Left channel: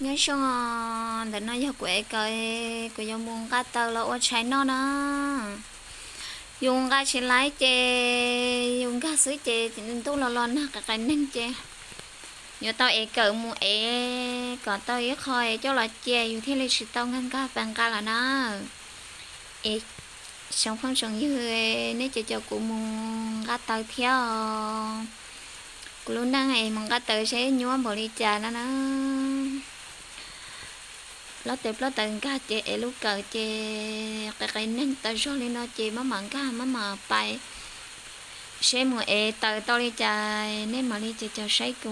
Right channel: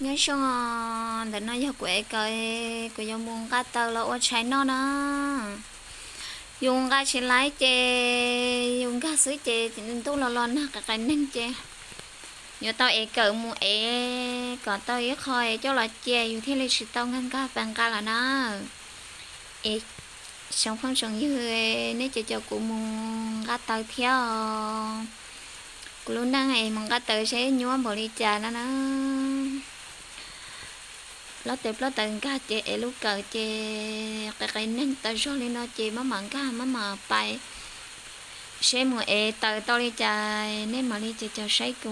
nhớ xong để nó giờ quệ coi của dùng mùng cá tơ là ô trái nó dùng cá chỉ lái chè dùng cá sứ chè tu là lon cái nâng chè nhớ tao cỡ mua còn tao khơi cho là chèอยู่ที่ lịch sử tao ngăn cá bằng cá là nó sống không sống như nếu cho cụ mùng cá tơ theo cụ luôn đang ngày mùng cá tơ sẽ nhúa bỏ đi trà nó lót từng cá chè lúc cỡ chè cái nâng tao cho lên nó chè má mặn cá má mà bay sẽ mua tờ to đi trà nên mà đi cho sấy của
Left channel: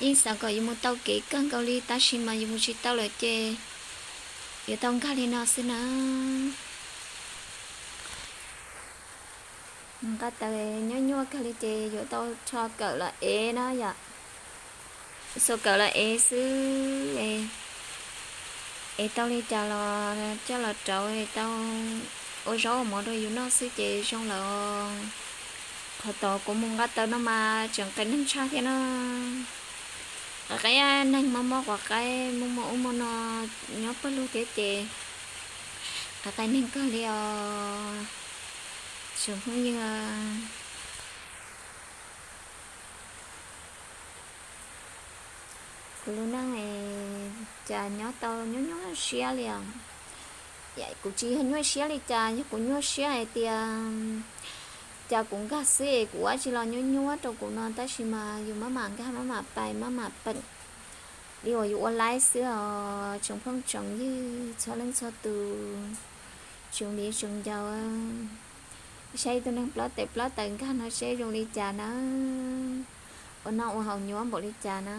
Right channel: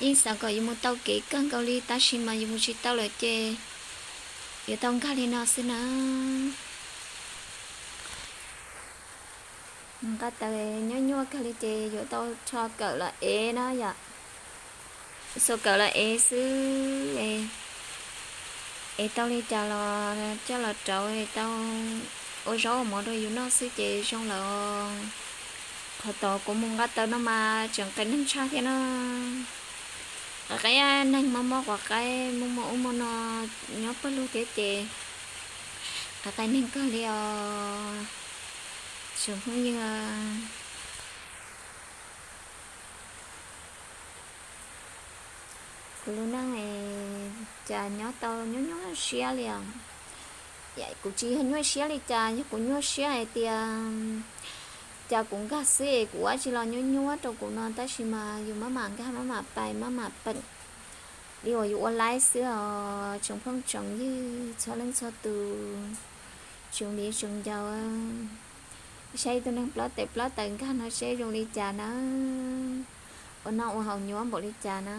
nhưng sao có dùng một tàu kỹ cân câu ly ta xin mà dùng một chiếc tàu lợi chè giờ tông cá đi nó xin nó cá tờ nhua cá ly chè giờ tao cho cỡ là nó vậy số cỡ là xứ tao đi trà là cho là trội tao ôi số mọi đôi dù nó xứ chè xong là họ tổ của mùng gắt tao nó mà chẳng cái nâng xa cái nó cái nâng mà mò hoặc cái mùng mà nó nhóc bắt luôn cái chè cái nâng có liều xuống không như luôn đang này trà nhóc tao nhóc xía liền vậy cũng chỉ hình như xía đi trà nhưng cũng nhóc xía này thì chả cũng gà xế của chỉ là nhúa trong của nó ta chỉ mà dùng má mảng cái má mà bài má mà bận đi ở dùng online xưa trồng phong trồng như cho lên cho từ trồng đi trồng giàu xây tôi đang plot tận cái nó sẽ dùng đi trà nó ở nó hầu nhúa bỏ đi trà nó